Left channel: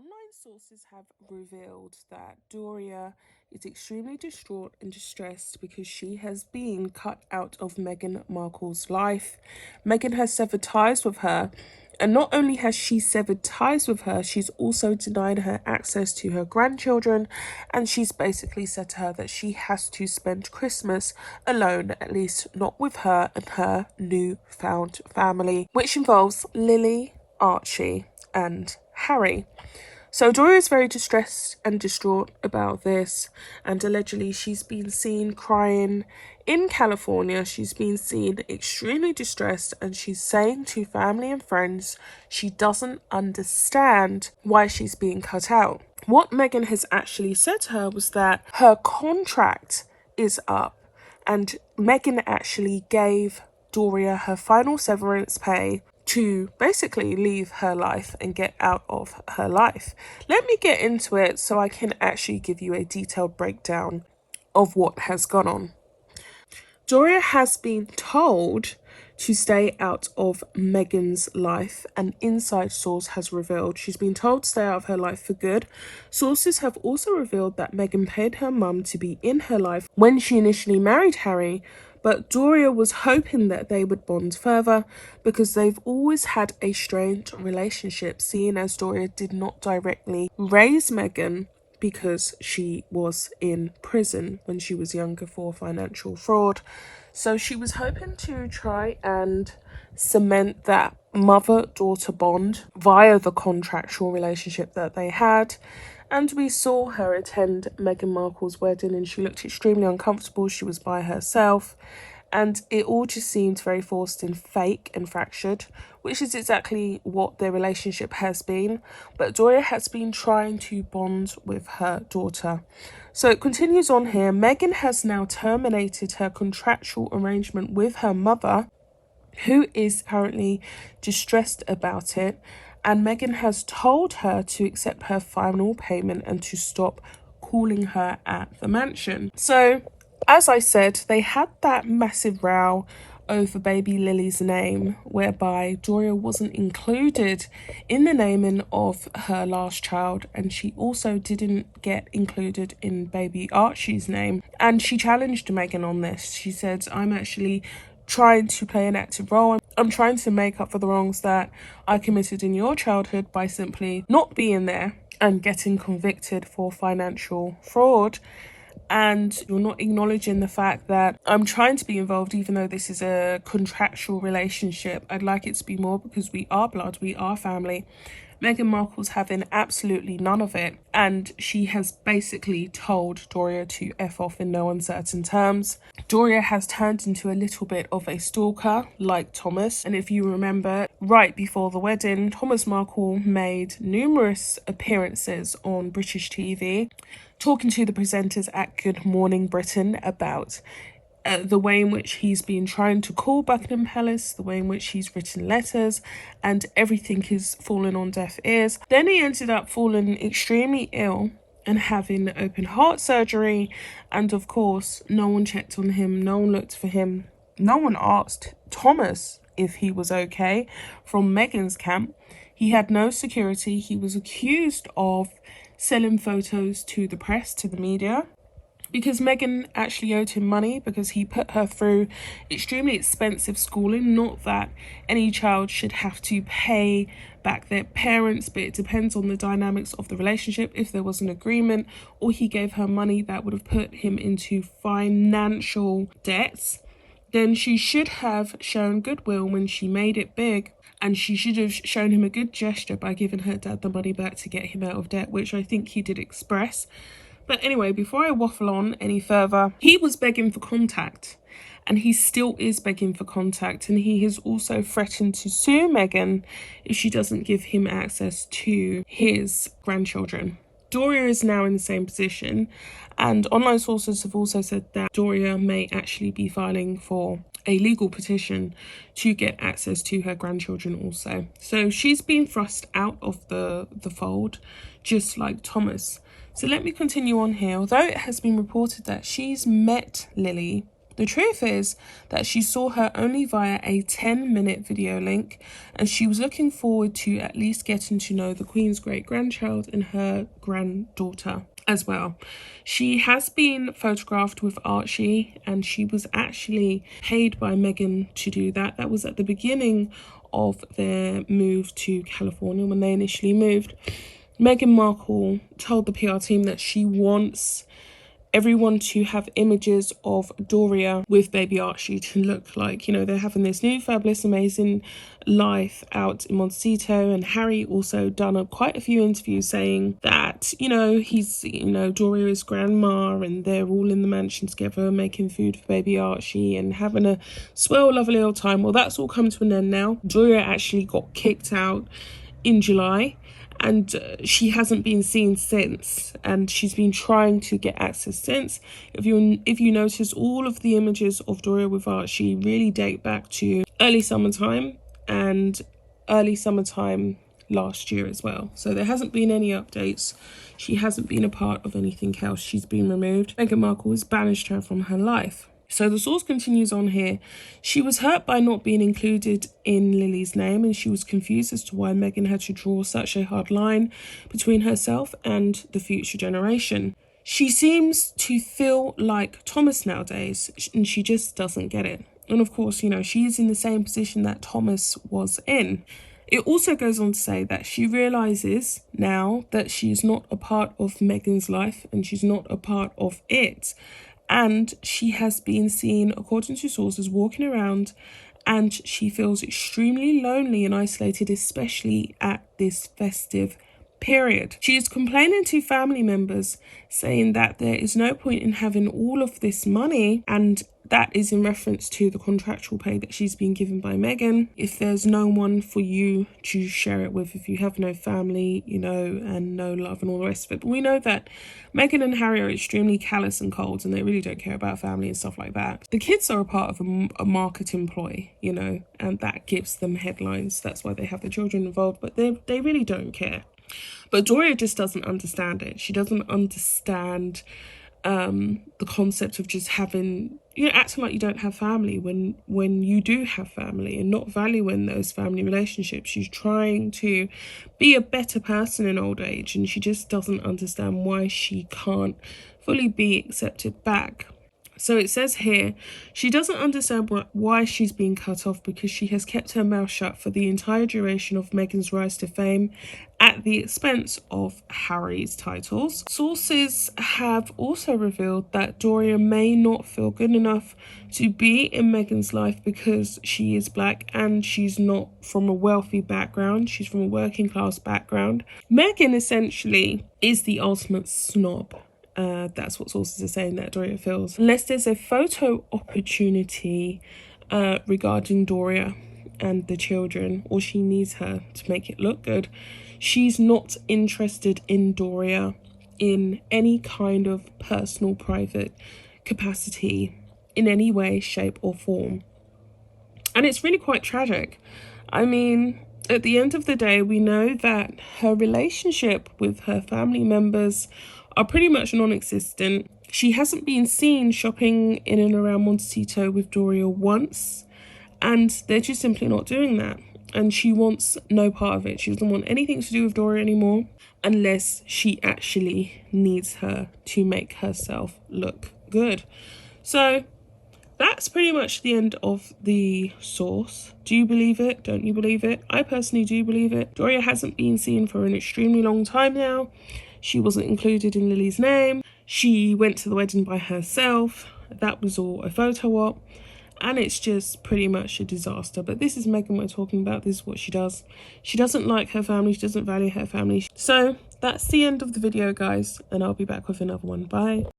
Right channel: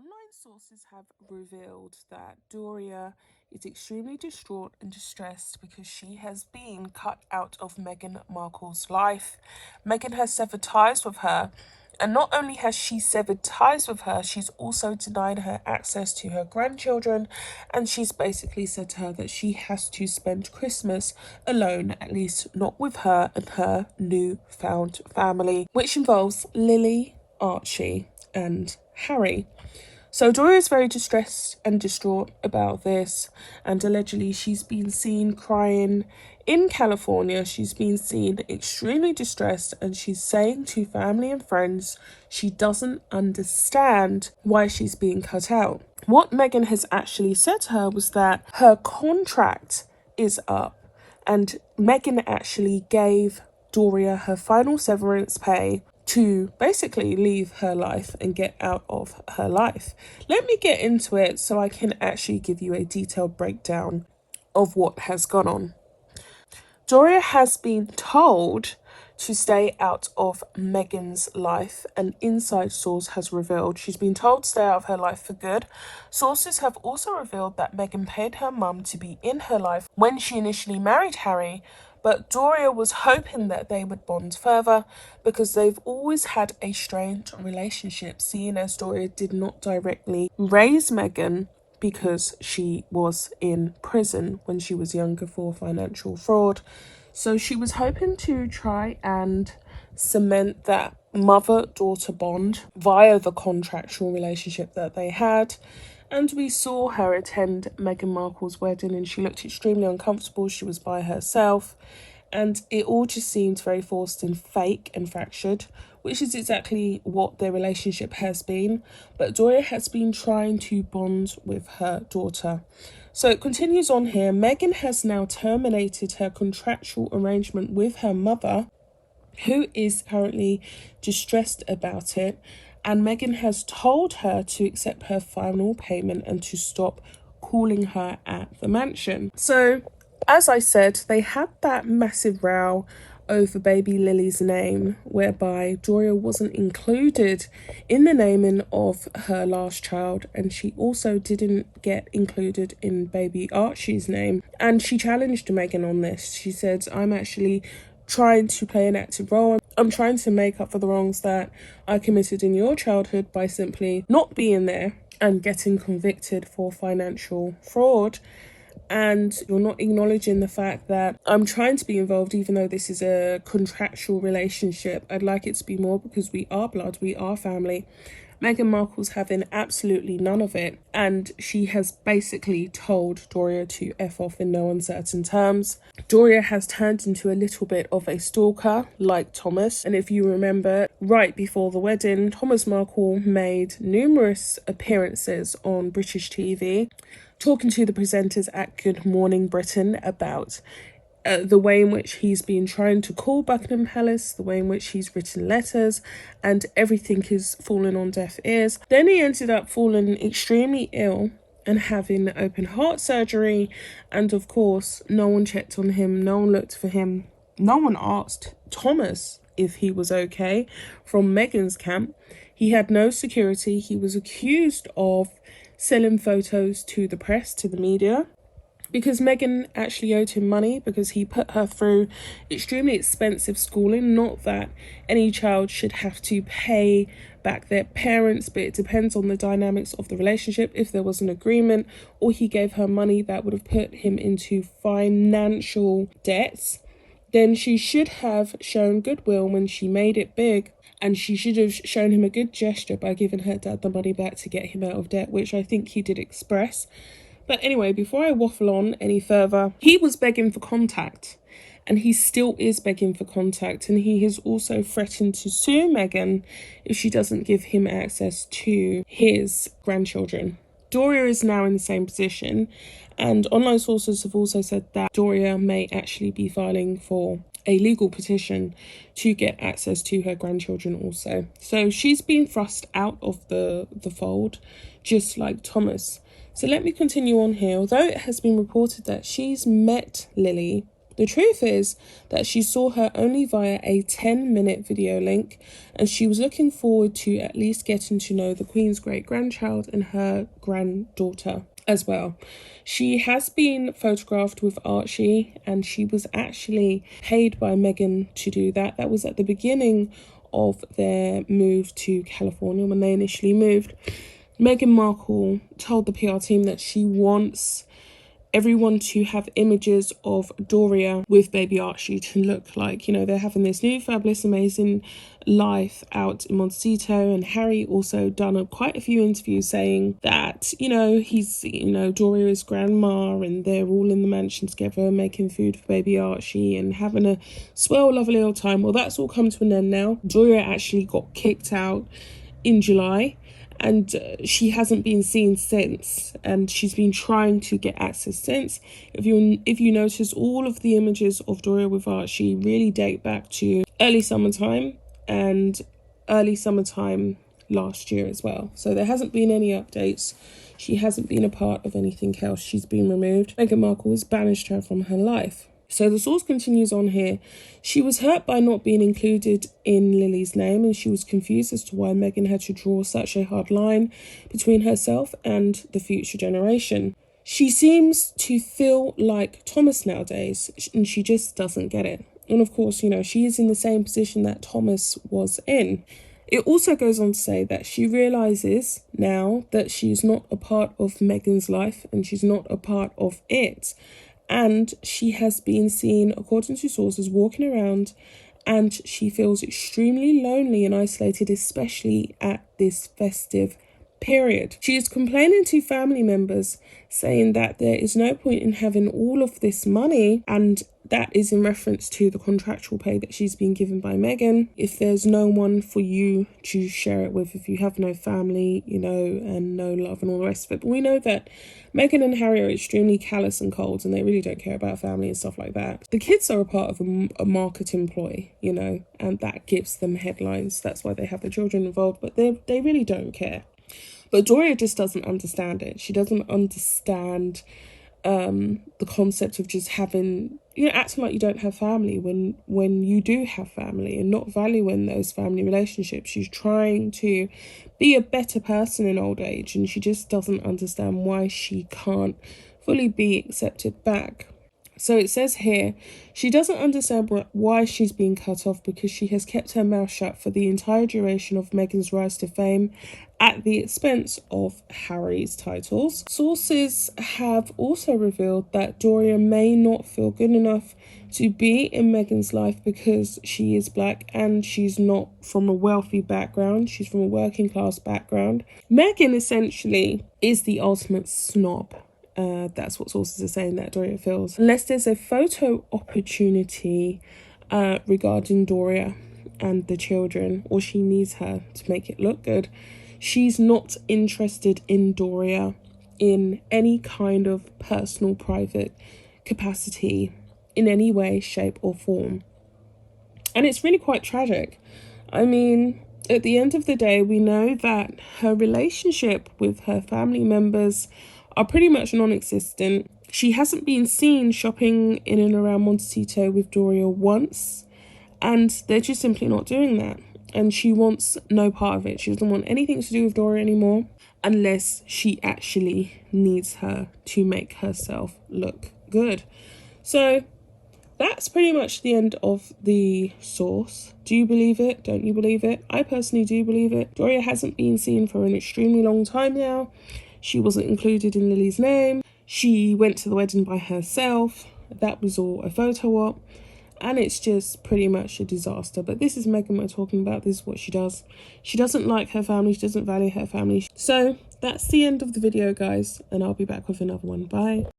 Online sources have revealed that Doria is extremely distraught and distressed because she has been cut out of Meghan Markle's life. Meghan has severed ties with her, and not only has she severed ties with her, she's also denied her access to her grandchildren, and she's basically said to her that she has to spend Christmas alone, at least not with her and her newfound family, which involves Lili, Archie, and Harry. So Doria is very distressed and distraught about this, and allegedly she's been seen crying in California. She's been seen extremely distressed, and she's saying to family and friends she doesn't understand why she's being cut out. What Meghan has actually said to her was that her contract is up, and Meghan actually gave Doria her final severance pay to basically leave her life and get out of her life. Let me get into it so I can actually give you a detailed breakdown of what has gone on. Doria has been told to stay out of Meghan's life. An inside source has revealed she's been told to stay out of her life for good. Sources have also revealed that Meghan paid her mum to be in her life when she initially married Harry, but Doria was hoping that they would bond further because they've always had a strained relationship, seeing as Doria did not directly raise Meghan because she was in prison when she was younger for financial fraud. So she was hoping to try and cement that mother-daughter bond via the contractual relationship that they had. And we saw her attend Meghan Markle's wedding, and she looked extremely uncomfortable. She was by herself, and it all just seemed very forced and fake and fractured, which is exactly what their relationship has been. But Doria has been trying to bond with her daughter. So it continues on here. Meghan has now terminated her contractual arrangement with her mother, who is currently distressed about it, and Meghan has told her to accept her final payment and to stop calling her at the mansion. So, as I said, they had that massive row over baby Lily's name, whereby Doria wasn't included in the naming of her last child, and she also didn't get included in baby Archie's name. And she challenged Meghan on this. She said, I'm actually trying to play an active role. I'm trying to make up for the wrongs that I committed in your childhood by simply not being there and getting convicted for financial fraud. And you're not acknowledging the fact that I'm trying to be involved, even though this is a contractual relationship. I'd like it to be more because we are blood, we are family. Meghan Markle's having absolutely none of it, and she has basically told Doria to F off in no uncertain terms. Doria has turned into a little bit of a stalker, like Thomas. And if you remember, right before the wedding, Thomas Markle made numerous appearances on British TV, talking to the presenters at Good Morning Britain about the way in which he's been trying to call Buckingham Palace, the way in which he's written letters, and everything is falling on deaf ears. Then he ended up falling extremely ill and having open heart surgery, and of course no one checked on him, no one looked for him, no one asked Thomas if he was okay from Meghan's camp. He had no security. He was accused of selling photos to the press, to the media, because Meghan actually owed him money because he put her through extremely expensive schooling. Not that any child should have to pay back their parents, but it depends on the dynamics of the relationship. If there was an agreement or he gave her money that would have put him into financial debts, then she should have shown goodwill when she made it big, and she should have shown him a good gesture by giving her dad the money back to get him out of debt, which I think he did express. But anyway, before I waffle on any further, he was begging for contact, and he still is begging for contact, and he has also threatened to sue Meghan if she doesn't give him access to his grandchildren. Doria is now in the same position, and online sources have also said that Doria may actually be filing for a legal petition to get access to her grandchildren also. So she's been thrust out of the fold, just like Thomas. So let me continue on here. Although it has been reported that she's met Lili, The truth is that she saw her only via a 10-minute video link, and she was looking forward to at least getting to know the Queen's great-grandchild and her granddaughter as well. She has been photographed with Archie, and she was actually paid by Meghan to do that. That was at the beginning of their move to California when they initially moved. Meghan Markle told the PR team that she wants everyone to have images of Doria with baby Archie to look like, you know, they're having this new fabulous amazing life out in Montecito. And Harry also done quite a few interviews saying that, you know, he's, you know, Doria is grandma and they're all in the mansion together making food for baby Archie and having a swell lovely old time. Well, that's all come to an end now. Doria actually got kicked out in July, and she hasn't been seen since, and she's been trying to get access since. If you notice, all of the images of Doria with Archie really date back to early summertime and early summertime last year as well. So there hasn't been any updates. She hasn't been a part of anything else. She's been removed. Meghan Markle has banished her from her life. So the source continues on here. She was hurt by not being included in Lili's name, and she was confused as to why Meghan had to draw such a hard line between herself and the future generation. She seems to feel like Thomas nowadays, and she just doesn't get it. And of course, you know, she is in the same position that Thomas was in. It also goes on to say that she realises now that she's not a part of Meghan's life and she's not a part of it. And she has been seen, according to sources, walking around, and she feels extremely lonely and isolated, especially at this festive period. She is complaining to family members, saying that there is no point in having all of this money, and that is in reference to the contractual pay that she's been given by Meghan. If there's no one for you to share it with, if you have no family, you know, and no love and all the rest of it. But we know that Meghan and Harry are extremely callous and cold, and they really don't care about family and stuff like that. The kids are a part of a marketing ploy, you know, and that gives them headlines. That's why they have the children involved, but they really don't care. But Doria just doesn't understand it. She doesn't understand the concept of just having, you know, acting like you don't have family when you do have family, and not valuing those family relationships. She's trying to be a better person in old age, and she just doesn't understand why she can't fully be accepted back. So it says here, she doesn't understand why she's being cut off, because she has kept her mouth shut for the entire duration of Meghan's rise to fame at the expense of Harry's titles. Sources have also revealed that Doria may not feel good enough to be in Meghan's life because she is black and she's not from a wealthy background. She's from a working class background. Meghan essentially is the ultimate snob. That's what sources are saying that Doria feels. Unless there's a photo opportunity regarding Doria and the children, or she needs her to make it look good, she's not interested in Doria in any kind of personal, private capacity in any way, shape or form. And it's really quite tragic. I mean, at the end of the day, we know that her relationship with her family members are pretty much non-existent. She hasn't been seen shopping in and around Montecito with Doria once, and they're just simply not doing that. And she wants no part of it. She doesn't want anything to do with Doria anymore, unless she actually needs her to make herself look good. So that's pretty much the end of the source. Do you believe it? Don't you believe it? I personally do believe it. Doria hasn't been seen for an extremely long time now. She wasn't included in Lili's name. She went to the wedding by herself. That was all a photo op. And it's just pretty much a disaster. But this is Meghan we're talking about. This is what she does. She doesn't like her family. She doesn't value her family. So that's the end of the video, guys. And I'll be back with another one. Bye.